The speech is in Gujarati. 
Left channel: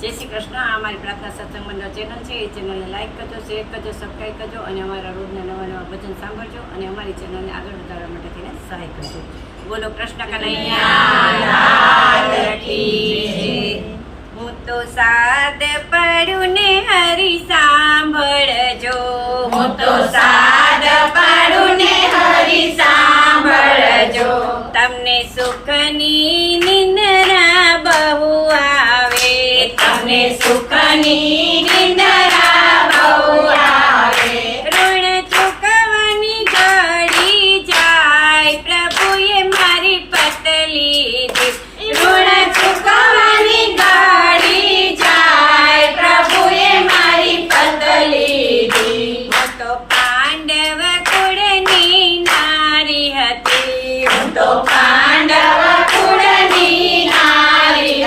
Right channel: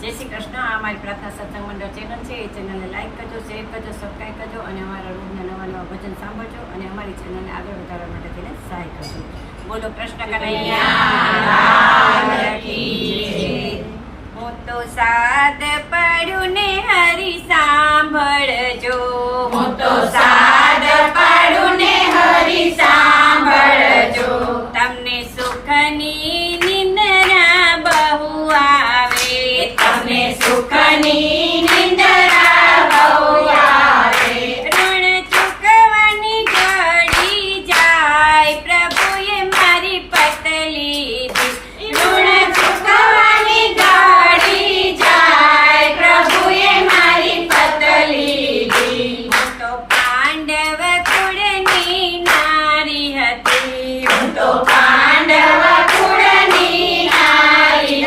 જય શ્રી કૃષ્ણ. આ અમારી પ્રાર્થના સત્સંગ મંડળ ચેનલ છે. એ ચેનલને લાઈક કરજો, શેર કરજો, સબસ્ક્રાઈબ કરજો અને અમારા રોજના નવા ભજન સાંભળજો અને અમારી ચેનલને આગળ વધારવા માટે થઈને સહાય કરજો. બોલો કૃષ્ણ કનૈયા લાલ કી જય. હું તો સાદ પડ્યું ને હરી સાંભળજો. હું તો સાદ